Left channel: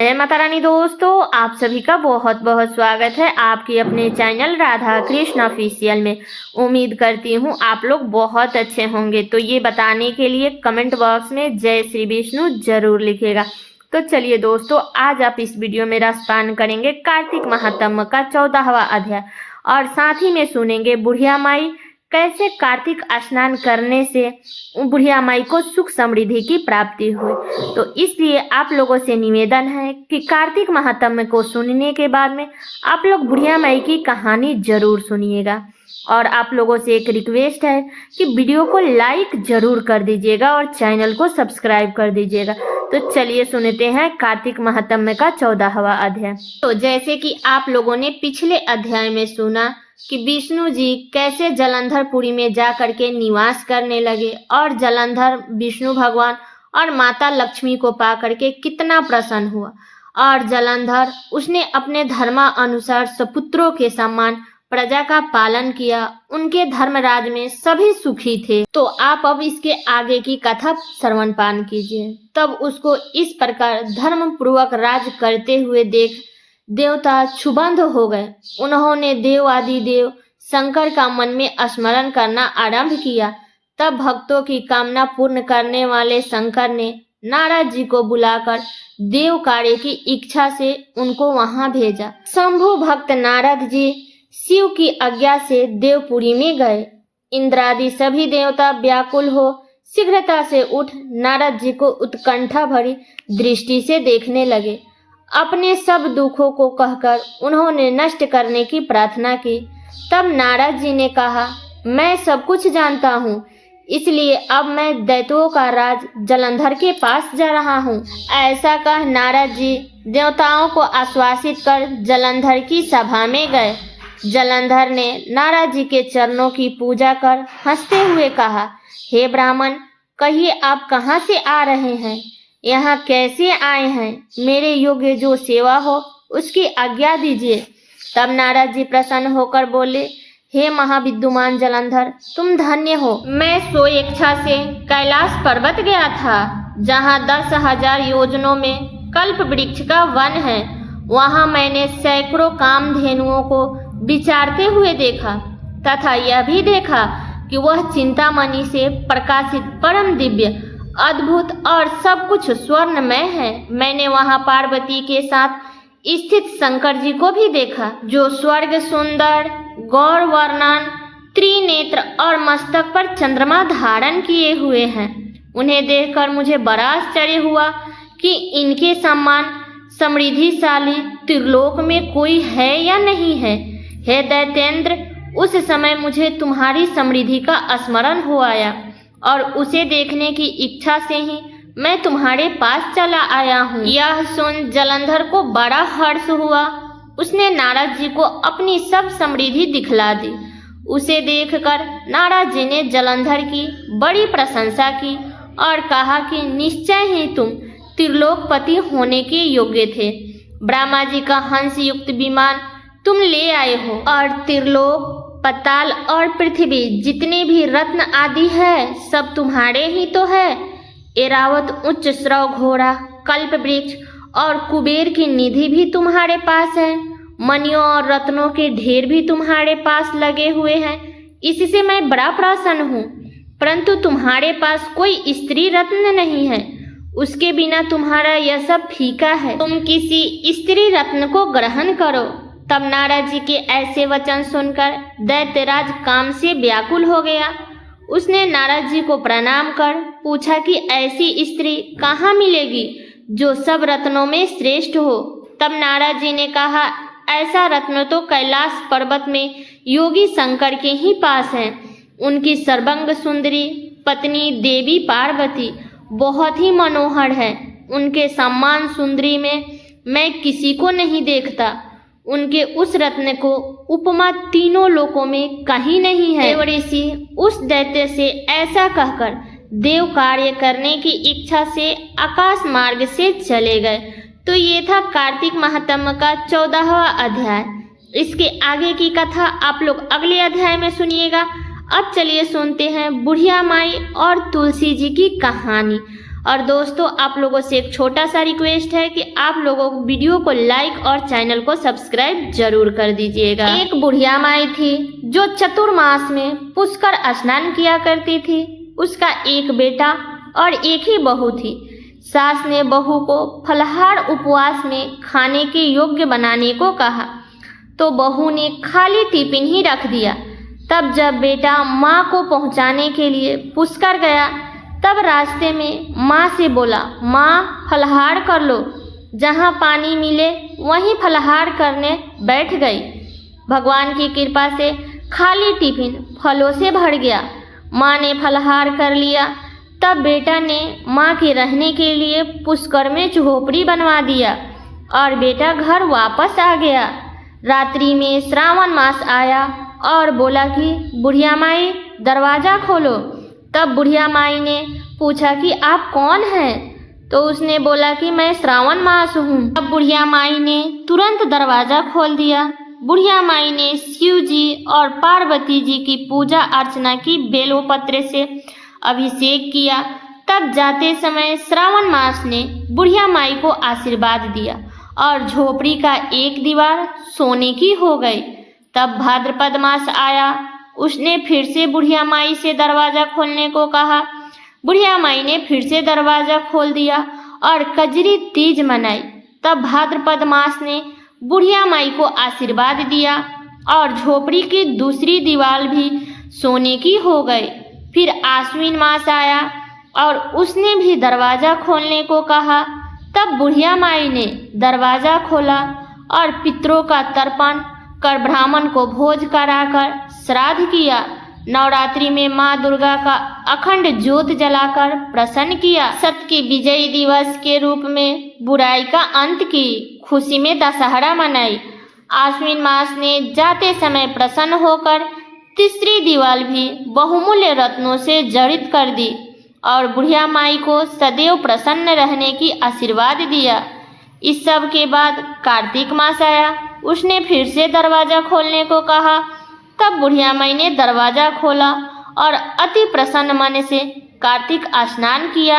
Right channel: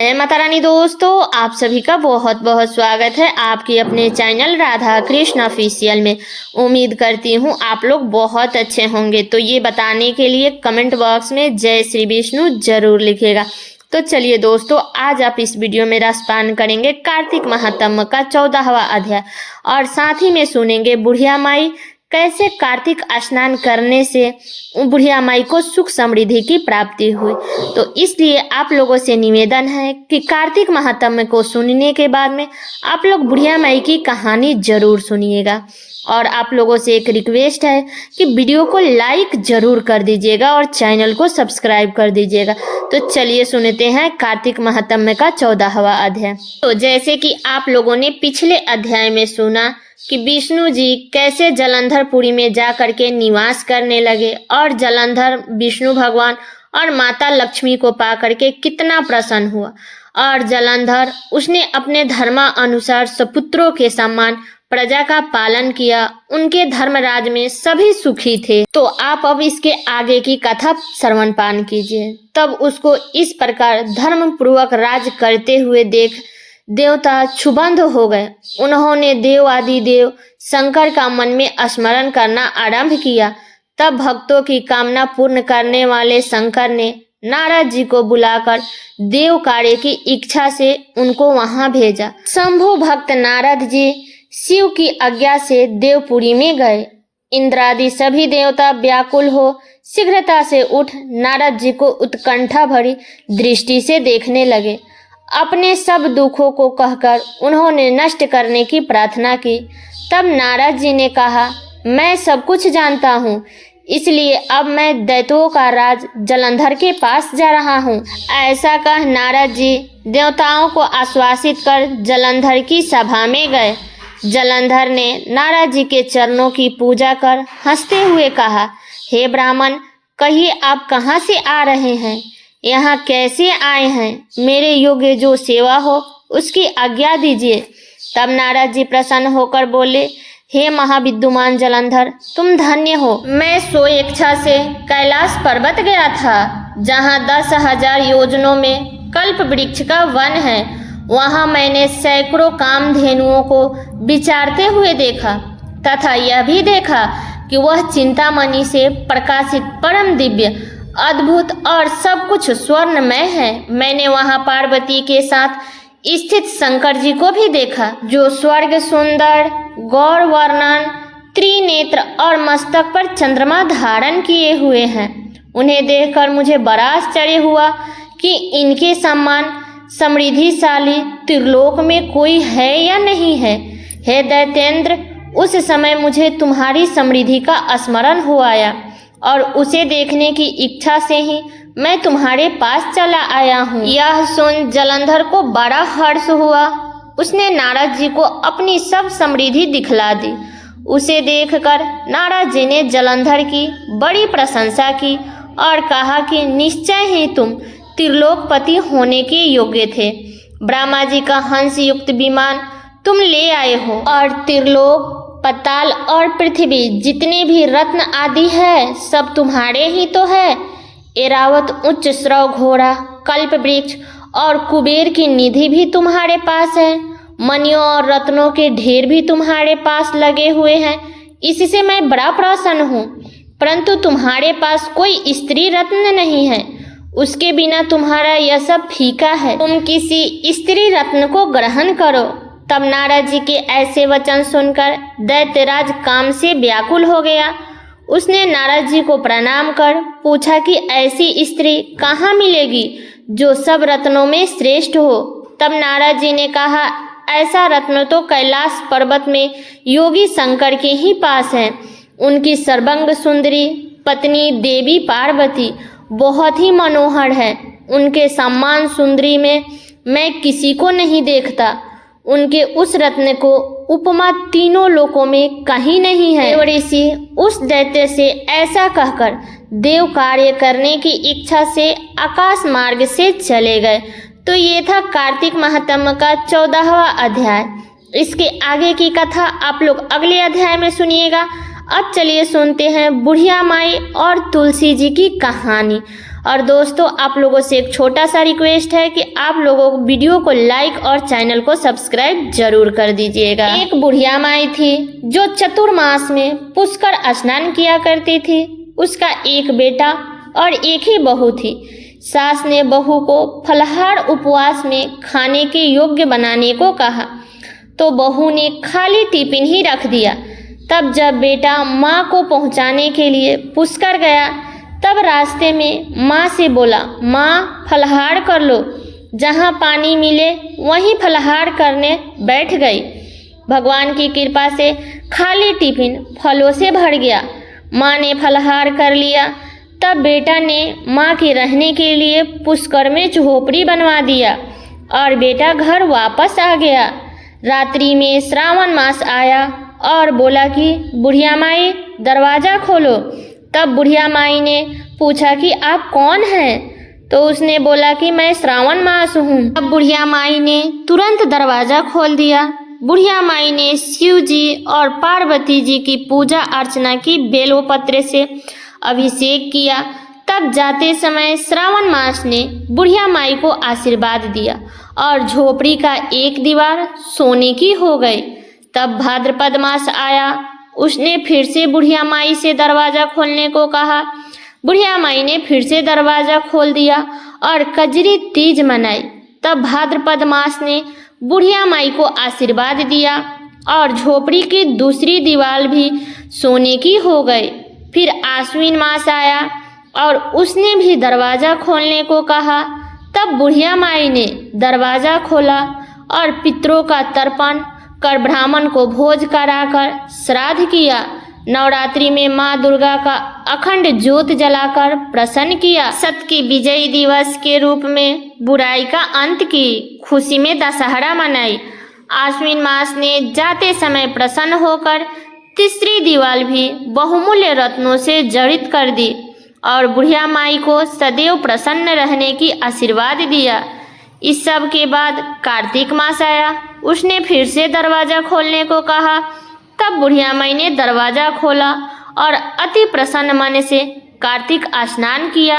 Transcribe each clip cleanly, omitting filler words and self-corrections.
जय माता रानी दोस्तों, आप सभी का बहुत बहुत स्वागत है आपके अपने चैनल राधा कृष्ण ऑफिशियल में। उम्मीद करती हूँ आप लोग बहुत अच्छे होंगे। तो ये बताने के लिए कमेंट बॉक्स में जय श्री विष्णु जरूर लिखिएगा। तो चलिए दोस्तों, आज आप इस वीडियो में रसपान करेंगे कार्तिक महात्म्य का 14वां अध्याय और साथ ही में सुनेंगे बुढ़िया माई कैसे कार्तिक स्नान करने से बुढ़िया माई को सुख समृद्धि की प्राप्ति हुई। तो इसलिए आप लोगों से निवेदन है कि कार्तिक महात्म्य को सुनने के बाद में आप लोग बुढ़िया माई की कहानी जरूर सुनिएगा। और आप लोगों से एक रिक्वेस्ट है कि वीडियो को लाइक जरूर कर दीजिएगा और चैनल को सब्सक्राइब कर दीजिएगा। तो चलिए सुनते हैं कार्तिक महात्म्य का 14वां अध्याय। तो जैसे कि आप लोगों ने पिछले अध्याय में सुना कि विष्णु जी कैसे जलंधरपुरी में जा करके निवास करने लगे और जलंधर विष्णु भगवान और माता लक्ष्मी को पा करके कितना प्रसन्न हुआ। और जलंधर उसने अपने धर्मानुसार सपुत्रों के समान प्रजा का पालन किया। उनके धर्मराज में सभी सुखी थे। तो आप अब इसके आगे की कथा श्रवण पान कीजिए। तब उसको इस प्रकार धर्म पूर्वक राज करते हुए देख देवता क्षुब्ध हो गए। उन्होंने देव आदि देव शंकर का मन में स्मरण करना आरंभ किया। तब भक्तों की कामना पूर्ण करने वाले शंकर ने नारद जी को बुलाकर देव कार्य की इच्छा से उनको वहां भेजा। शंभु भक्त नारद जी शिव की आज्ञा से देवपुरी में गए। इंद्रादि सभी देवता व्याकुल हो शीघ्रता से उठ नारद जी को उत्कंठा भरी दृष्टि से देखने लगे। अपने सब दुखों को कहकर उन्होंने नष्ट करने की प्रार्थना की। तब नारद जी ने कहा, मैं सब कुछ जानता हूँ, इसलिए अब मैं दैत्यों का राज जलंधर के पास जा रहा हूँ। ऐसा कह नारद जी देवताओं को आश्वासित कर जलंधर की सभा में गए। जलंधर ने नारद जी के चरणों की पूजा कर हंसते हुए कहा, हे ब्राह्मण, कहिए आप कहाँ से आ रहे हैं, यहाँ कैसे आए हैं, मेरे योग्य जो सेवा हो उसकी आज्ञा दीजिए। तब नारद जी प्रसन्न होकर बोले, हे महाविद्वान जलंधर, तुम धन्य हो। मैं स्वेच्छा से कैलाश पर्वत गया था, जहाँ 10,000 योजनों में कल्प वृक्ष का वन है। वहाँ मैंने सैकड़ों कामधेनुओं को विचारते हुए देखा तथा यह भी देखा कि वह चिंतामणि से प्रकाशित परम दिव्य अद्भुत और सब कुछ स्वर्णमय है। मैंने वहां पार्वती के साथ स्थित शंकर जी को भी देखा, जो स्वर्ग सुंदर गौर वर्णन त्रिनेत्र और मस्तक पर चंद्रमा धारण किए हुए हैं। उन्हें देखकर मुझे बड़ा आश्चर्य हुआ कि इनके समान समृद्धिशाली त्रिलोक में कोई है या नहीं है। हे दैत्येंद्र, उस समय मुझे तुम्हारी समृद्धि का स्मरण हो आया और उसे देखने की इच्छा से ही मैं तुम्हारे पास चला आया हूँ। यह सुन जलंधर को बड़ा हर्ष हुआ। उसने नारद जी को अपनी सब समृद्धि दिखला दी। उसे देखकर नारद जी ने जलंधर की बड़ी प्रशंसा की और कहा कि निश्चय ही तुम त्रिलोकपति होने के योग्य थे। ब्रह्मा जी का हंस युक्त विमान तुम ले आए हो और त्रिलोक पताल और पृथ्वी जितने भी रत्न आदि है सब तुम्हारे ही तो है। एरावत उच्च श्रव घोड़ा कल्प वृक्ष और कुबेर की निधि भी तुम्हारे पास है। मणियों और रत्नों के ढेर भी तुम्हारे पास लगे हुए हैं। इससे मैं बड़ा प्रसन्न हूँ, परंतु तुम्हारे पास कोई स्त्री रत्न नहीं है। उसके बिना तुम्हारा यह सब फीका है। तुम किसी स्त्री रत्न को ग्रहण करो। तब नारद जी के ऐसे वचन सुनकर दैत्यराज काम से व्याकुल हो गया। उसने नारद जी को प्रणाम कर पूछा कि ऐसी स्त्री कहाँ मिलेगी जो सब रत्नों में श्रेष्ठ हो। तब नारद जी ने कहा, ऐसा रत्न तो कैलाश पर्वत में योगी शंकर के ही पास है। उनकी सर्वांग सुंदरी पत्नी देवी पार्वती बहुत ही मनोहर है। उनके समान सुंदरी में मैं किसी को नहीं देखता। उनके उस रत्न को उपमा तीनों लोकों में कहीं नहीं है। देव ऋषि उस दैत्य से ऐसा कहकर देव कार्य करने की इच्छा से आकाश मार्ग से चले गए। तो ये था कार्तिक महात्म्य का 14वां अध्याय। इसके आगे की कथा आप लोग अगले अध्याय में सुनिएगा। अब चलिए सुनते हैं बुढ़िया माई और तुलसी जी की कहानी। और दोस्तों आप लोगों से एक छोटा सा रिक्वेस्ट है कि आप लोगों को वीडियो को लाइक और चैनल को सब्सक्राइब जरूर कर दीजिएगा। एक बुढ़िया माई थी जो चतुर्मास में पुष्कर स्नान किया करती थी। उसका एक बेटा और एक ही बहू थी। सास ने बहू को फलाहार उपवास में खाने के योग्य बनाने को कहा तो बहू ने खाली टिफिन ही रख दिया। तब जब बेटा माँ को पहुँचाने के लिए पुष्कर गया तब रास्ते में माँ से बोला, माँ फलाहार कर लो। जहाँ पानी मिले वहीं फलाहार करने बैठ गई। भगवान की कृपा से खाली टिफिन फलों से भर गया। माँ ने फलाहार कर लिया। तब बेटा ने माँ के रहने के लिए पुष्कर में झोपड़ी बनवा दिया और बेटा घर वापस आ गया। रात्रि में श्रावण मास आया और बोला कि बुढ़िया माई दरवाज़ा खोलो। तब बुढ़िया माई ने पूछा कि आप कौन हैं? तो उसने बोला कि मैं श्रावण मास हूँ। अब बुढ़िया माई ने तुरंत दरवाज़ा खोल दिया। बुढ़िया माई ने शिव जी और पार्वती जी की पूजा अर्चना की, बेलपत्र से अभिषेक किया। तब जाते समय श्रावण मास ने बुढ़िया माई को आशीर्वाद दिया और झोपड़ी का एक दीवार सोने की हो गई। तब भाद्रपद मास आया। उसने फिर से बुढ़िया माई से दरवाज़ा खोलने को कहा। बुढ़िया माई ने फिर से दरवाज़ा खोल दिया और कजरी तीज मनाई। तब भाद्रपद मास ने बुढ़िया माई को आशीर्वाद दिया और झोपड़ी की दूसरी दीवार भी सोने की हो गई। फिर आश्विन मास आया और उसने भी दरवाज़ा खोलने को कहा। तब बुढ़िया माई ने दरवाज़ा खोला और पितरों का तर्पण कर ब्राह्मण को भोज कराकर श्राद्ध किया। नवरात्रि में माँ दुर्गा का अखंड ज्योत जलाकर प्रसन्न किया। सत्य की विजय दिवस के रूप में बुराई का अंत की खुशी में दशहरा मनाई। आश्विन मास ने जाते समय प्रसन्न होकर तीसरी दीवार भी बहुमूल्य रत्नों से जड़ित कर दी और बुढ़िया माई को सदैव प्रसन्न रहने की आशीर्वाद दिया। इस सब के बाद कार्तिक मास आया। उसने फिर से दरवाज़ा खोलने को कहा। तब बुढ़िया माई ने दरवाज़ा खोला और अति प्रसन्न मन से कार्तिक स्नान किया,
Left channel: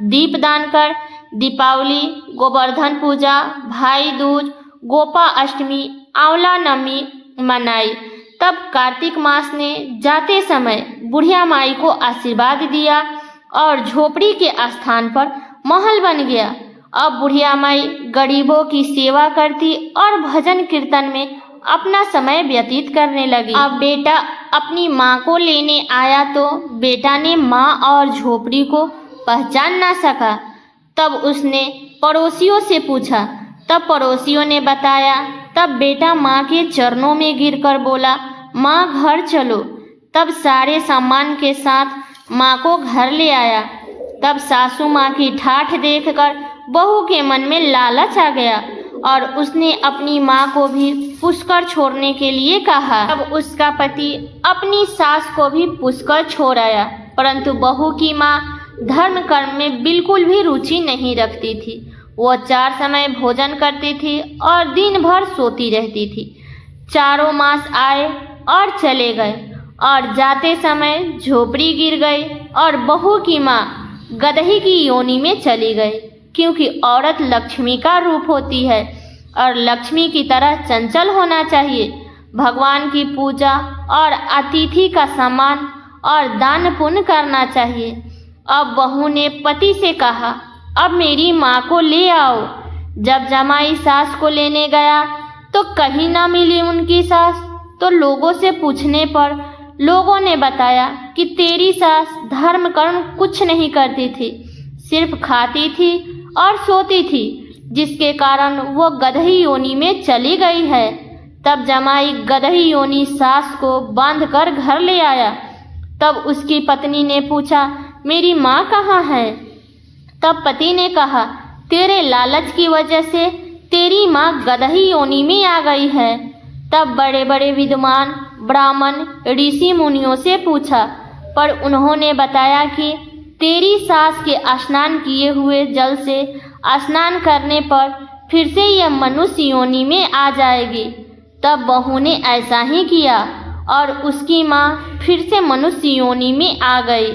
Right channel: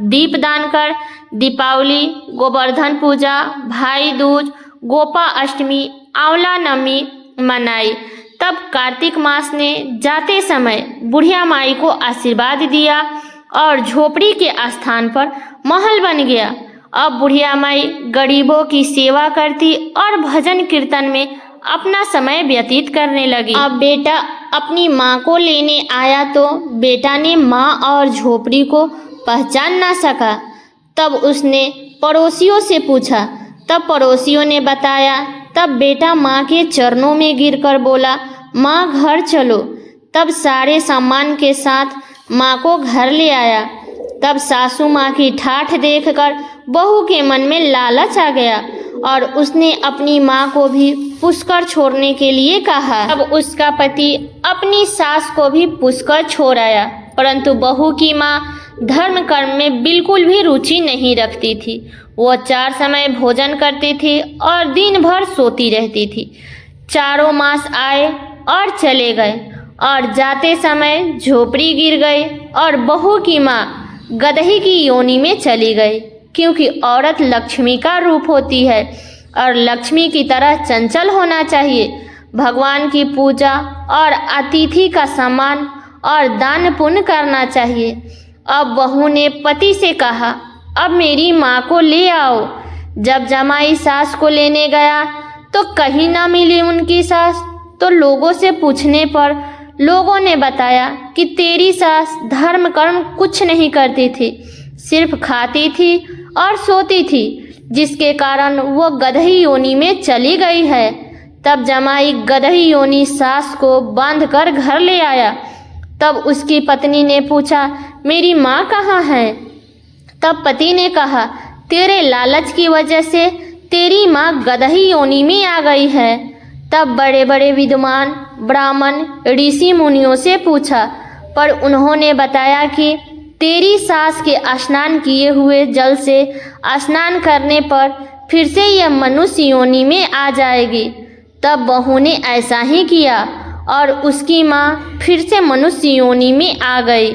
दीपदान कर दीपावली, गोवर्धन पूजा, भाई दूज, गोपा अष्टमी, आंवला नवमी मनाई। तब कार्तिक मास ने जाते समय बुढ़िया माई को आशीर्वाद दिया और झोपड़ी के स्थान पर महल बन गया। अब बुढ़िया माई गरीबों की सेवा करती और भजन कीर्तन में अपना समय व्यतीत करने लगी। अब बेटा अपनी माँ को लेने आया तो बेटा ने माँ और झोपड़ी को पहचान ना सका। तब उसने पड़ोसियों से पूछा। तब पड़ोसियों ने बताया। तब बेटा माँ के चरणों में गिरकर बोला, माँ घर चलो। तब सारे सामान के साथ माँ को घर ले आया। तब सासू माँ की ठाठ देखकर बहू के मन में लालच आ गया और उसने अपनी माँ को भी पुष्कर छोड़ने के लिए कहा। अब उसका पति अपनी सास को भी पुष्कर छोड़ आया, परंतु बहू की माँ धर्म कर्म में बिल्कुल भी रुचि नहीं रखती थी। वह 4 समय भोजन करती थी और दिन भर सोती रहती थी। चारों मास आए और चले गए और जाते समय झोपड़ी गिर गई और बहू की माँ गदही की योनि में चली गई, क्योंकि औरत लक्ष्मी का रूप होती है और लक्ष्मी की तरह चंचल होना चाहिए। भगवान की पूजा और अतिथि का सम्मान और दान पुण्य करना चाहिए। अब बहू ने पति से कहा, अब मेरी माँ को ले आओ। जब जमाई सास को लेने गया तो कहीं ना मिली उनकी सास। तो लोगों से पूछने पर लोगों ने बताया कि तेरी सास धर्म कर्म कुछ नहीं करती थी, सिर्फ खाती थी और सोती थी, जिसके कारण वो गदही योनि में चली गई है। तब जमाई गदही योनि सास को बांधकर घर ले आया। तब उसकी पत्नी ने पूछा, मेरी माँ कहाँ है? तब पति ने कहा, तेरे लालच की वजह से तेरी माँ गदही योनि में आ गई है। तब बड़े बड़े विद्वान ब्राह्मण ऋषि मुनियों से पूछा, पर उन्होंने बताया कि तेरी सास के स्नान किए हुए जल से स्नान करने पर फिर से यह मनुष्य योनि में आ जाएगी। तब बहू ने ऐसा ही किया और उसकी माँ फिर से मनुष्य योनि में आ गई।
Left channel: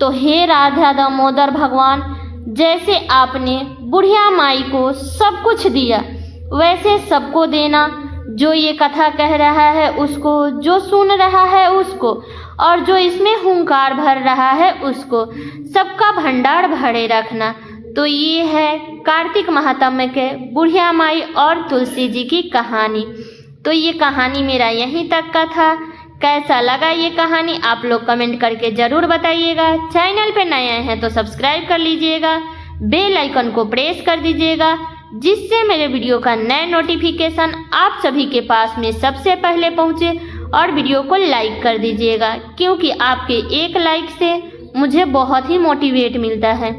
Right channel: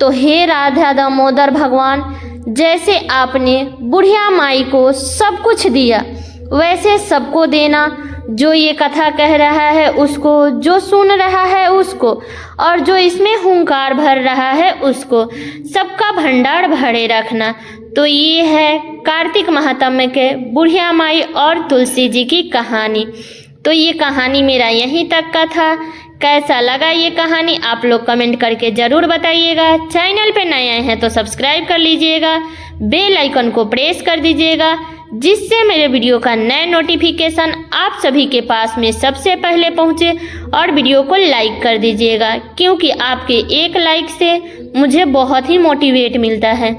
तो हे राधा दामोदर भगवान, जैसे आपने बुढ़िया माई को सब कुछ दिया वैसे सबको देना, जो ये कथा कह रहा है उसको, जो सुन रहा है उसको, और जो इसमें हुंकार भर रहा है उसको, सबका भंडार भरे रखना। तो ये है कार्तिक महात्म्य के बुढ़िया माई और तुलसी जी की कहानी। तो ये कहानी मेरा यहीं तक का था। कैसा लगा ये कहानी आप लोग कमेंट करके ज़रूर बताइएगा। चैनल पे नए हैं तो सब्सक्राइब कर लीजिएगा, बेल आइकन को प्रेस कर दीजिएगा, जिससे मेरे वीडियो का नया नोटिफिकेशन आप सभी के पास में सबसे पहले पहुंचे। और वीडियो को लाइक कर दीजिएगा, क्योंकि आपके एक लाइक से मुझे बहुत ही मोटिवेट मिलता है।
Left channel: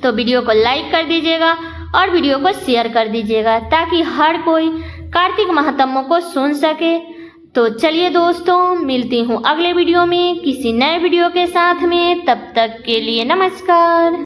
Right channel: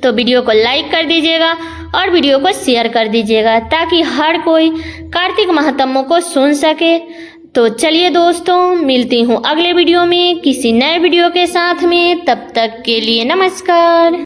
तो वीडियो को लाइक कर दीजिएगा और वीडियो को शेयर कर दीजिएगा, ताकि हर कोई कार्तिक महात्म्य को सुन सके। तो चलिए दोस्तों, मिलती हूँ अगले वीडियो में किसी नए वीडियो के साथ में। तब तक के लिए नमस्कार।